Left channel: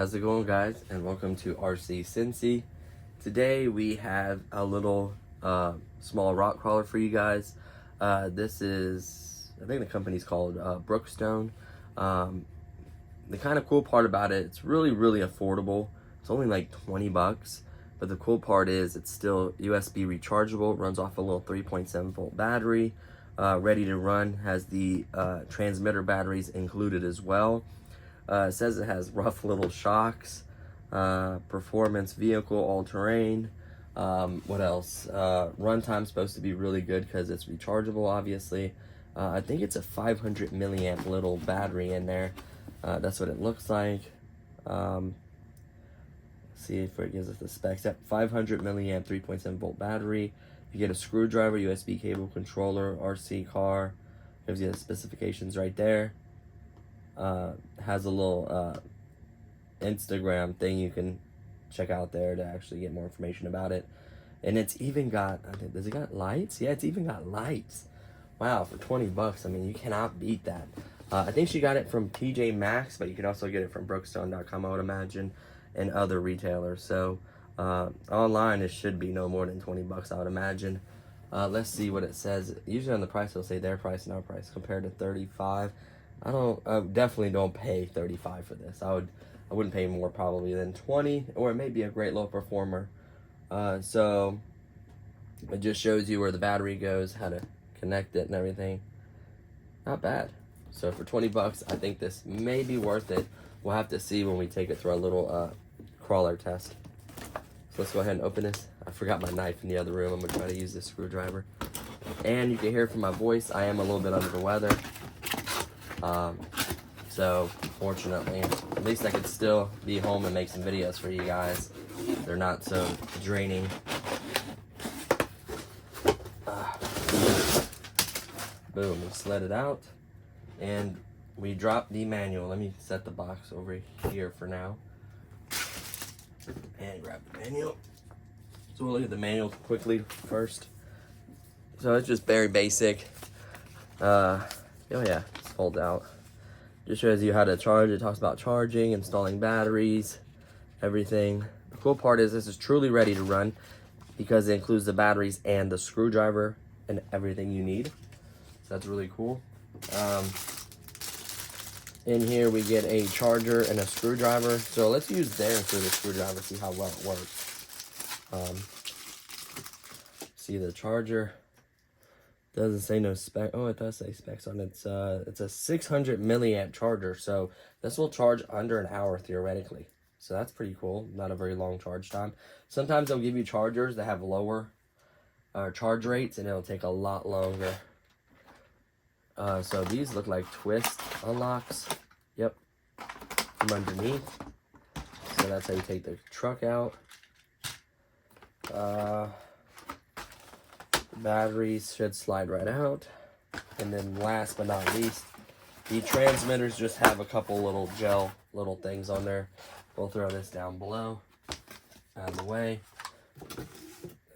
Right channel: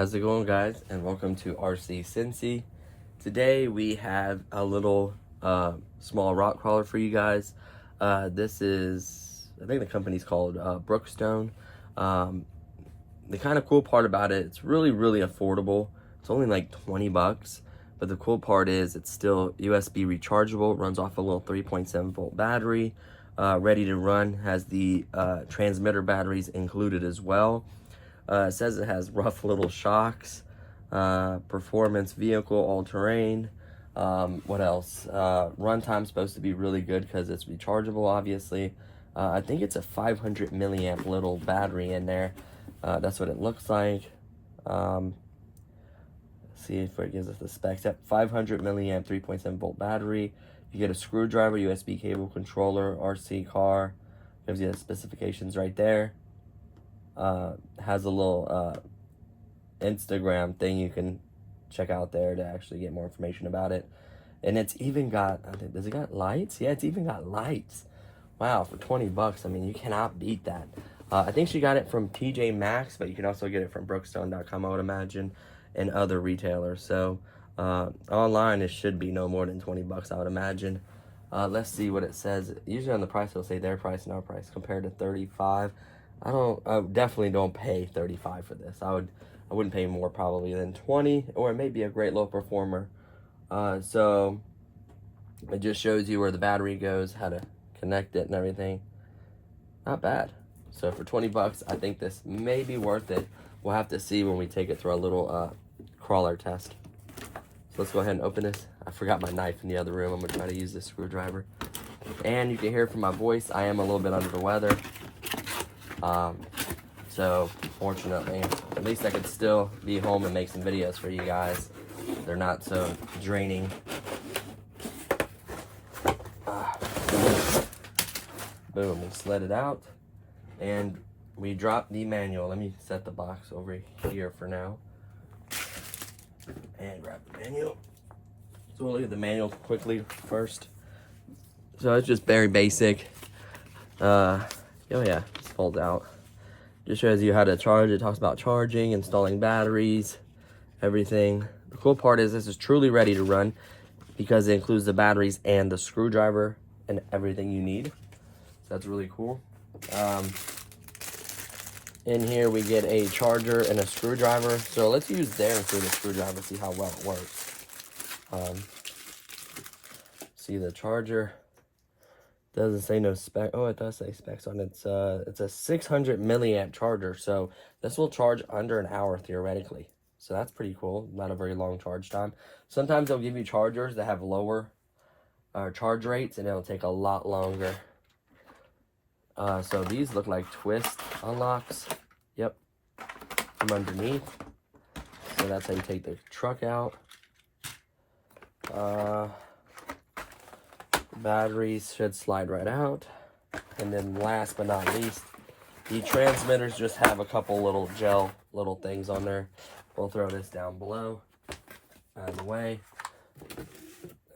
How's it going, guys? And welcome to RC Cincy. Today we have a little small rock crawler for you guys. This is, I think the company's called Brookstone. The kind of cool part about it, it's really affordable. It's only like 20 bucks, but the cool part is it's still USB rechargeable. It runs off a little 3.7 volt battery, ready to run. Has the transmitter batteries included as well. It says it has rough little shocks, performance vehicle, all-terrain. What else? Runtime's supposed to be really good because it's rechargeable, obviously. I think it's a 500 milliamp little battery in there. That's what it looks like. See if it gives us the specs. Yep, 500 milliamp, 3.7 volt battery. You get a screwdriver, USB cable, controller, RC car. Gives you the specifications right there. Has a little Instagram thing you can check out there to actually get more information about it. And it's even got, does it got lights? Yeah, it's even got lights. Wow, for 20 bucks, I mean, you cannot beat that. I think she got it from TJ Maxx, but you can also get it from Brookstone.com, I would imagine, and other retailers. So online, it should be no more than 20 bucks, I would imagine. Let's see what it says. Usually on the price, they'll say their price and our price compared to 35. I definitely don't pay 35 for this. I wouldn't pay more probably than 20, or it may be a great low performer. So it just shows you where the battery goes, how to connect it and everything. Not bad. So for 20 bucks, I think this may be worth it. We'll have to see when we take it through our little crawler test. So let's go ahead and open this. I forgot my knife in the other room. I'm gonna try to use this screwdriver. And you can hear from my voice, I am a little bit under the weather. So fortunately, at least I could still be home and make some videos for you guys. They're not so draining. Boom, we slid it out and we dropped the manual. Let me set the box over here for now and grab the manual. So we'll look at the manual quickly first. So it's just very basic. Oh yeah, just folds out. Just shows you how to charge. It talks about charging, installing batteries, everything. The cool part is this is truly ready to run because it includes the batteries and the screwdriver and everything you need. So that's really cool. In here we get a charger and a screwdriver. So let's use there instead of the screwdriver, see how well it works. See the charger. Doesn't say no spec. Oh, it does say specs on it. It's a 600 milliamp charger, so this will charge under an hour theoretically. So that's pretty cool. Not a very long charge time. Sometimes they'll give you chargers that have lower charge rates, and it'll take a lot longer. So these look like twist unlocks. Yep, from underneath. So that's how you take the truck out. Batteries should slide right out. And then last but not least, the transmitters just have a couple little gel little things on there. We'll throw this down below, out of the way.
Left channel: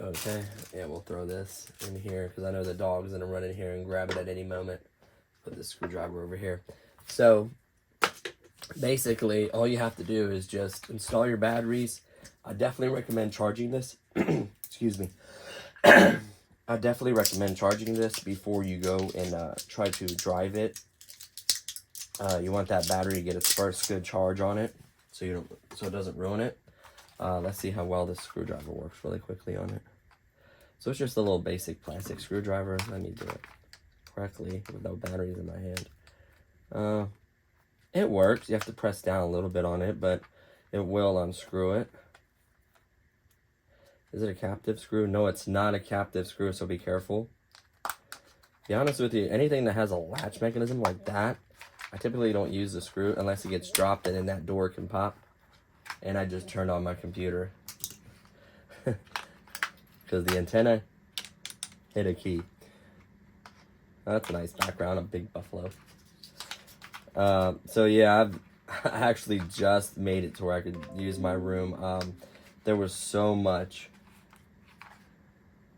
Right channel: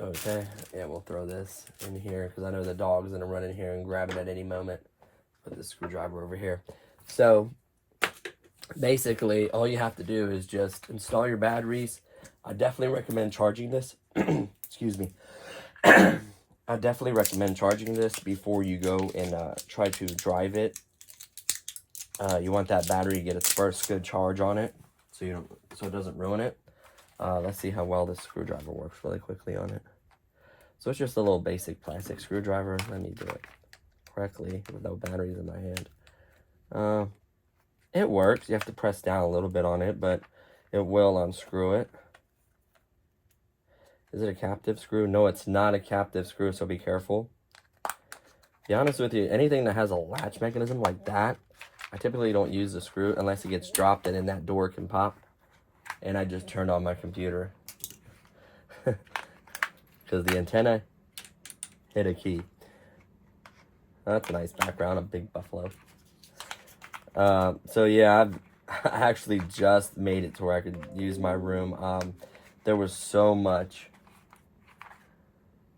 Okay, yeah, we'll throw this in here because I know the dog's gonna run in here and grab it at any moment. Put the screwdriver over here. So basically all you have to do is just install your batteries. I definitely recommend charging this. Excuse me. I definitely recommend charging this before you go and try to drive it. You want that battery to get its first good charge on it, so it doesn't ruin it. Let's see how well this screwdriver works really quickly on it. So it's just a little basic plastic screwdriver. Let me do it correctly with no batteries in my hand. It works. You have to press down a little bit on it, but it will unscrew it. Is it a captive screw? No, it's not a captive screw, so be careful. To be honest with you, anything that has a latch mechanism like that, I typically don't use the screw unless it gets dropped and then that door can pop. And I just turned on my computer. Because the antenna hit a key. That's a nice background, a big buffalo. So yeah, I actually just made it to where I could use my room. There was so much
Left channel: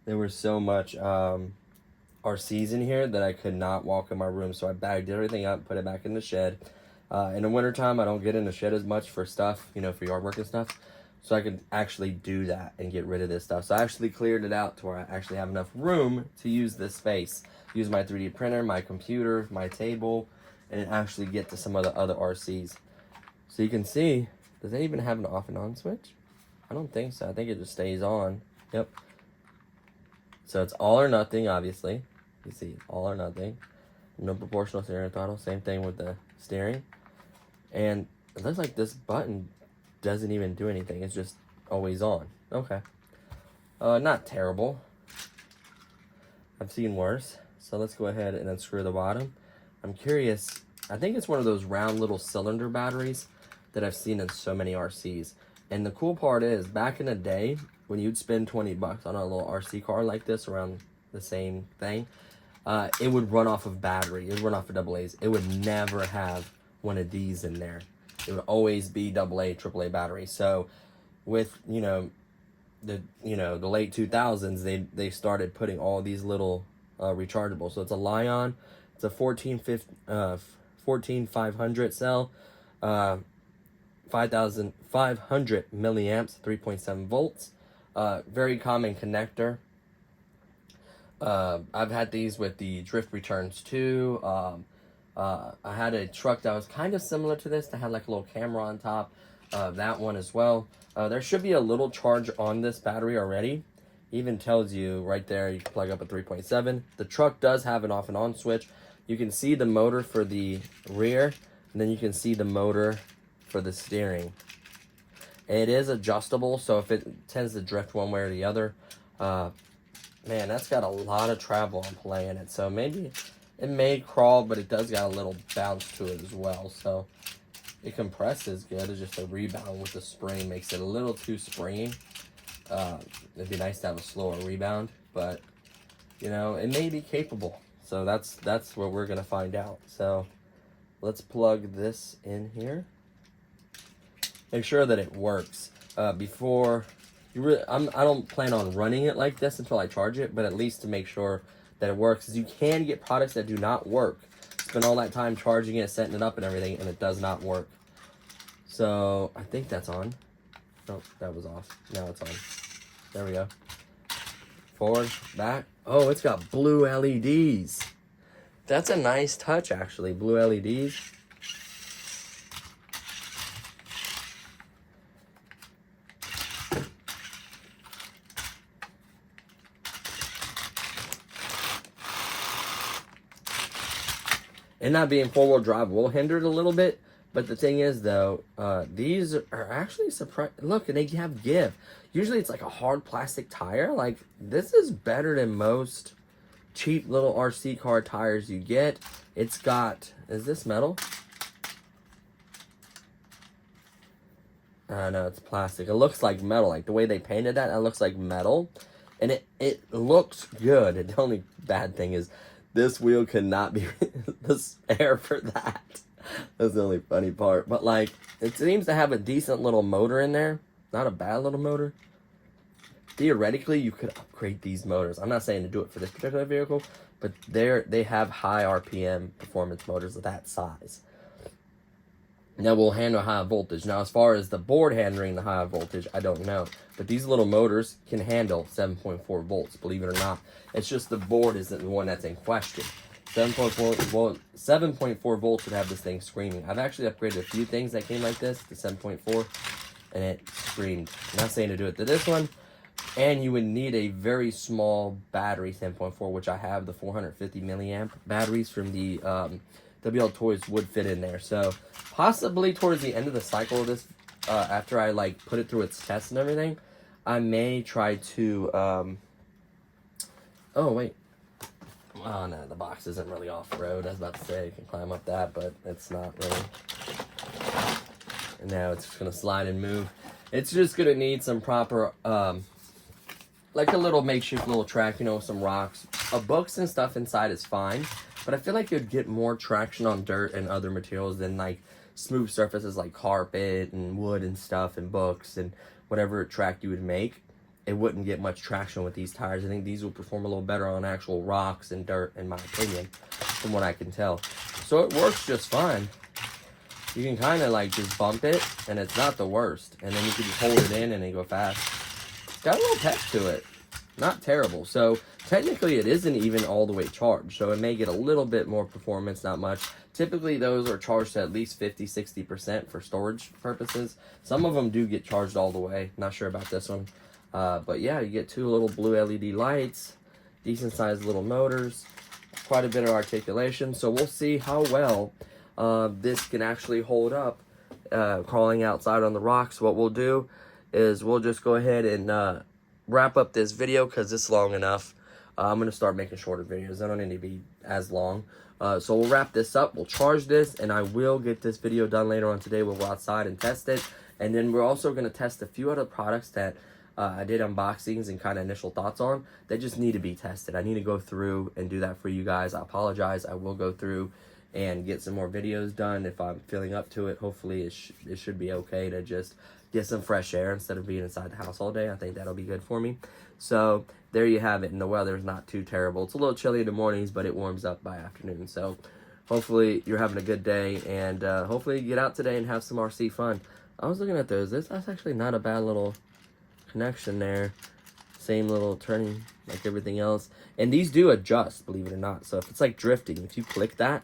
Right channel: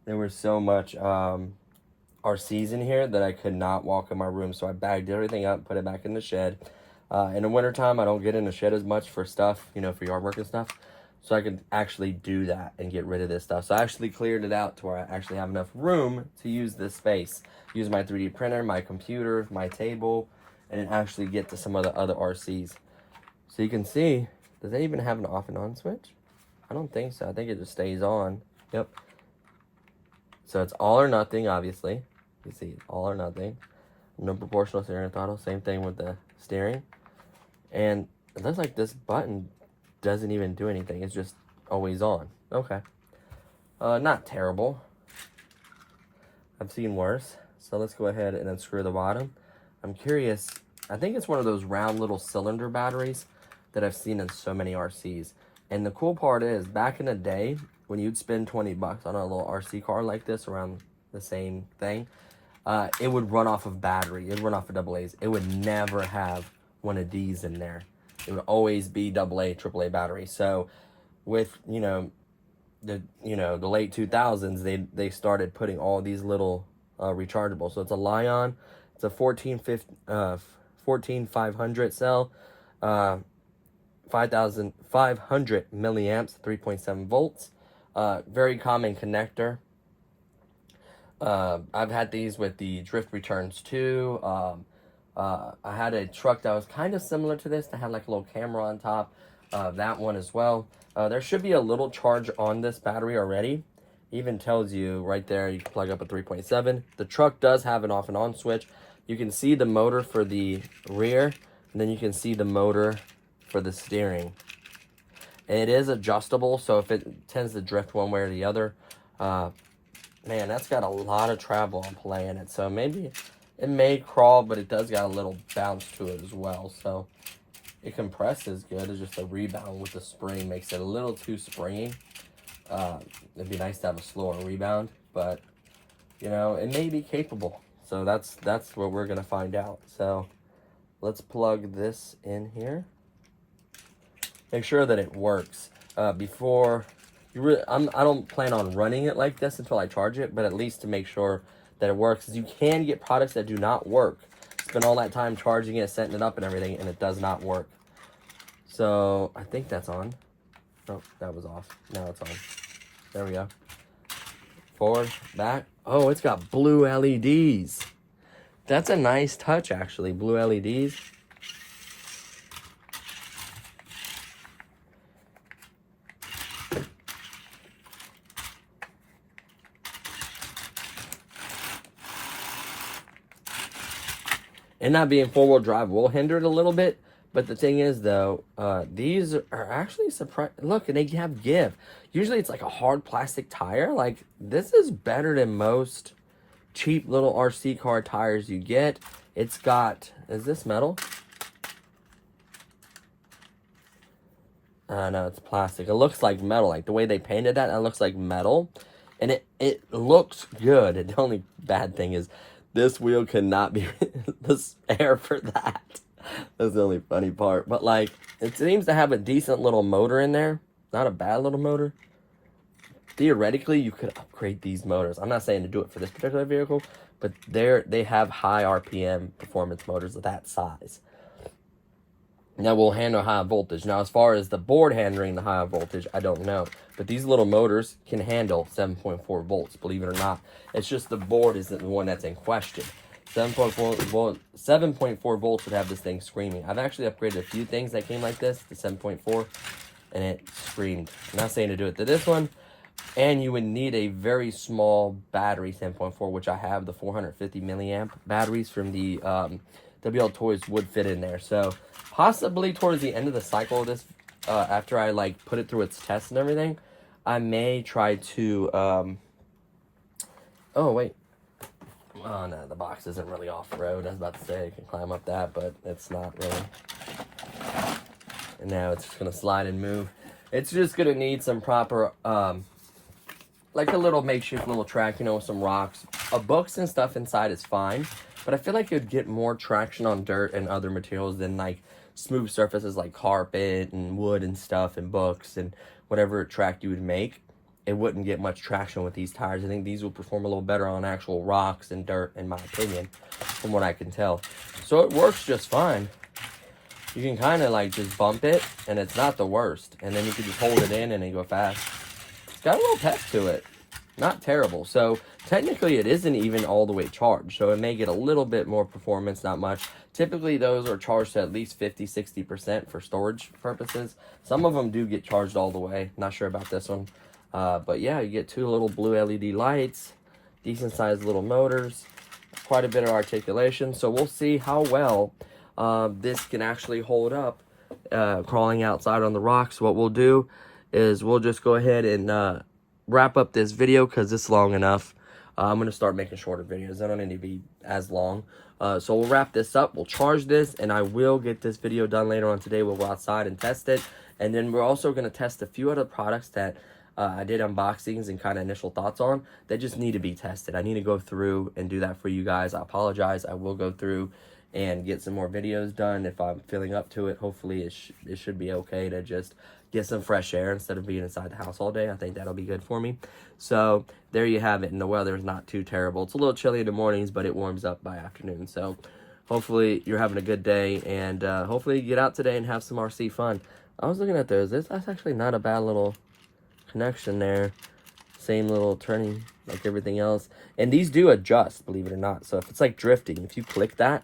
RCs in here that I could not walk in my room, so I bagged everything up, put it back in the shed. In the wintertime, I don't get in the shed as much for stuff, you know, for yard work and stuff. So I could actually do that and get rid of this stuff. So I actually cleared it out to where I actually have enough room to use this space. Use my 3D printer, my computer, my table, and actually get to some of the other RCs. So you can see, does that even have an off and on switch? I don't think so. I think it just stays on. Yep. So it's all or nothing, obviously. You see, all or nothing. No proportional steering throttle. Same thing with the steering. And it looks like this button doesn't even do anything. It's just always on. Okay. Not terrible. I've seen worse. So let's go ahead and unscrew the bottom. I'm curious. I think it's one of those round little cylinder batteries that I've seen in so many RCs. And the cool part is, back in the day, when you'd spend 20 bucks on a little RC car like this, around the same thing, it would run off of battery. It would run off of AA's. It would never have one of these in there. It would always be AA, AAA battery. So with, the late 2000s, they started putting all these little rechargeable. So it's a Lion. It's a 14500 cell, 5500 milliamps, 3.7 volts. Very common connector. I've had these with the drift returns too. I had a truck that was kind of similar to this that had like a little camera on top. That one as well. There should be a little charge on this battery already. Even tells you right there, you can plug up a 3.7. The truck does have an off and on switch. You can see the motor for the rear, and then you can see the motor for the steering. It is adjustable, so if it tends to drift one way or the other, man, that's got a lot of travel on play in it. So maybe it may crawl, but it does got a little bounce to it as well. So it compresses good. It's just a rebound with the spring makes it a little too springy. It'd be nice to have a slower rebound, but it may be capable. So that's what we're gonna find out. So let's plug this in here. Make sure that it works before you really. I don't plan on running it like this until I charge it, but at least to make sure that it works. Because you can get products that do not work. Spend all that time charging it, setting it up, and everything, and it does not work. So I think that's on. Oh, that was off. Now it's on. There we go. Forward, back. Oh, it's got blue LEDs. That's a nice touch, actually. Blue LEDs. And not being four-wheel drive will hinder it a little bit. But the thing is, though, these are actually surprising. Look, and they have give. Usually it's like a hard plastic tire. Like, this is better than most cheap little RC car tires you get. It's got, is this metal? No, it's plastic. It looks like metal. Like, the way they painted that, it looks like metal. And it looks good. And the only bad thing is this wheel cannot be the spare for that. That's the only funny part. But, like, it seems to have a decent little motor in there. Not a bad little motor. Theoretically, you could upgrade these motors. I'm not saying to do it for this particular vehicle, but they have high RPM performance motors of that size. That will handle high voltage. Now, as far as the board handling the high voltage, I don't know. But these little motors can handle 7.4 volts, believe it or not. It's just the board isn't the one that's in question. 7.4 volts would have this thing screaming. I've actually upgraded a few things that came like this to 7.4, and it screamed. I'm not saying to do it to this one. And you would need a very small battery, 10.4, which I have. The 450 milliamp batteries from the WL Toys would fit in there. So possibly towards the end of the cycle of this, after I put it through its tests and everything, I may try to, oh, wait. Oh, no, the box isn't really off-road. I was about to say I can climb up that, but it's not really. And now it's just going to slide and move. It's just going to need some proper, like a little makeshift little track, you know, some rocks. Books and stuff inside is fine, but I feel like you'd get more traction on dirt and other materials than, like, smooth surfaces like carpet and wood and stuff and books and whatever track you would make. It wouldn't get much traction with these tires. I think these will perform a little better on actual rocks and dirt, in my opinion, from what I can tell. So it works just fine. You can kind of like just bump it, and it's not the worst. And then you can just hold it in and then go fast. It's got a little pep to it. Not terrible. So technically it isn't even all the way charged. So it may get a little bit more performance, not much. Typically those are charged to at least 50-60% for storage purposes. Some of them do get charged all the way. Not sure about this one. But yeah, you get 2 little blue LED lights, decent sized little motors, quite a bit of articulation. So we'll see how well this can actually hold up crawling outside on the rocks. What we'll do is we'll just go ahead and wrap up this video because it's long enough. I'm going to start making shorter videos. They don't need to be as long. So we'll wrap this up. We'll charge this, and I will get this video done later on today. We'll go outside and test it. And then we're also going to test a few other products that I did unboxings and kind of initial thoughts on that just need to be tested. I need to go through and do that for you guys. I apologize. I will go through and get some more videos done if I'm feeling up to it. Hopefully it should be okay to just get some fresh air instead of being inside the house all day. I think that'll be good for me. So there you have it. And the weather's not too terrible. It's a little chilly in the mornings, but it warms up by afternoon. So hopefully you're having a good day, and hopefully you get out today and have some RC fun. I was looking at those. That's actually not a bad little connection there. Same little turning like everything else. And these do adjust, believe it or not. So if it's like drifting, if you click that,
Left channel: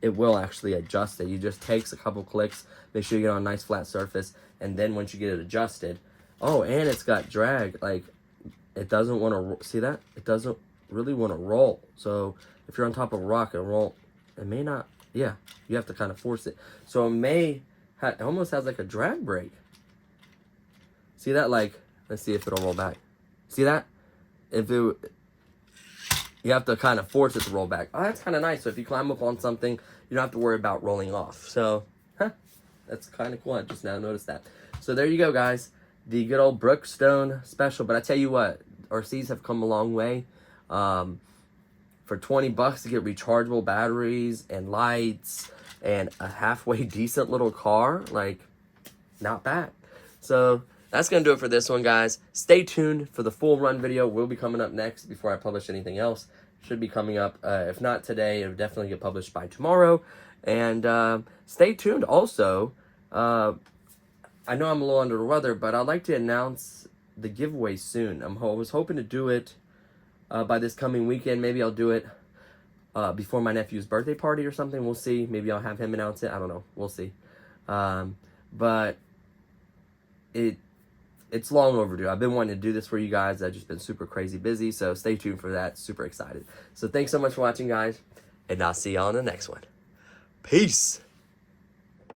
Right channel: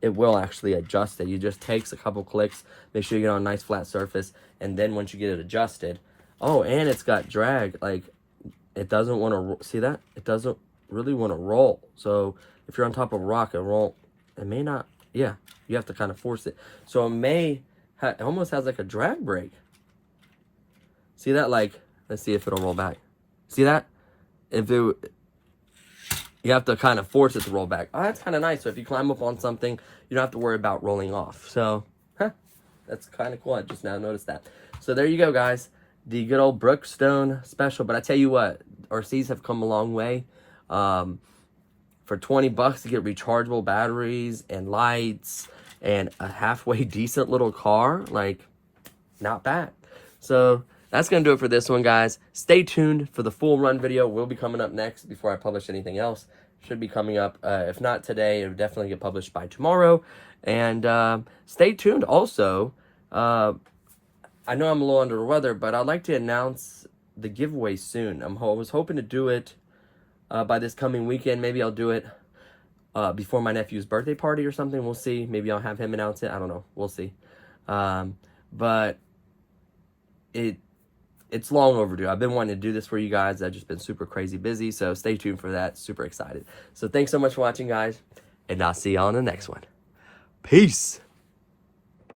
it will actually adjust it. You just takes a couple clicks, make sure you get on a nice flat surface, and then once you get it adjusted, oh, and it's got drag. Like, it doesn't want to, see that? It doesn't really want to roll. So if you're on top of a rock, it may not, yeah, you have to kind of force it. So it almost has like a drag brake. See that? Like, let's see if it'll roll back. See that? You have to kind of force it to roll back. Oh, that's kind of nice. So if you climb up on something, you don't have to worry about rolling off. So, that's kind of cool. I just now noticed that. So there you go, guys. The good old Brookstone special. But I tell you what, RCs have come a long way. For $20 to get rechargeable batteries and lights and a halfway decent little car, like, not bad. So that's going to do it for this one, guys. Stay tuned for the full run video. Will be coming up next before I publish anything else. Should be coming up. If not today, it'll definitely get published by tomorrow. And stay tuned also. I know I'm a little under the weather, but I'd like to announce the giveaway soon. I was hoping to do it by this coming weekend. Maybe I'll do it before my nephew's birthday party or something. We'll see. Maybe I'll have him announce it. I don't know. We'll see. But it's long overdue. I've been wanting to do this for you guys. I've just been super crazy busy, so stay tuned for that. Super excited. So thanks so much for watching, guys, and I'll see you on the next one. Peace.